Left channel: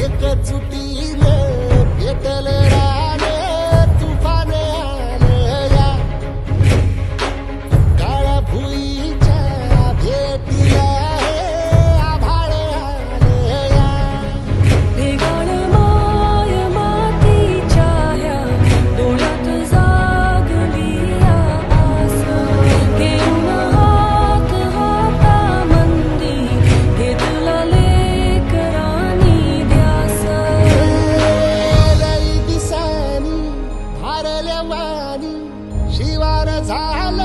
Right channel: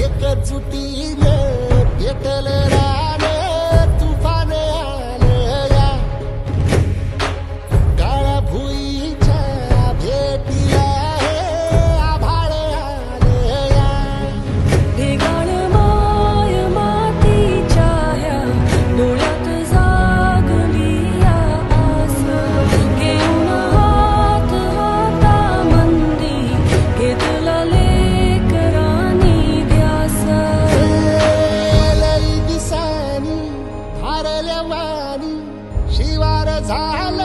एकजुटीने पेटल रान तुफान आलं या काळ्या भुईच्या भेटीला हे आभाळ आलं या भेगाण माय मातीच्या ह्या डोळ्यात जागली या आस घेऊन हात हातामंदी घेतला लेकरांनी ध्यास लई दिसानी भारल्या वाणी शिवार झालं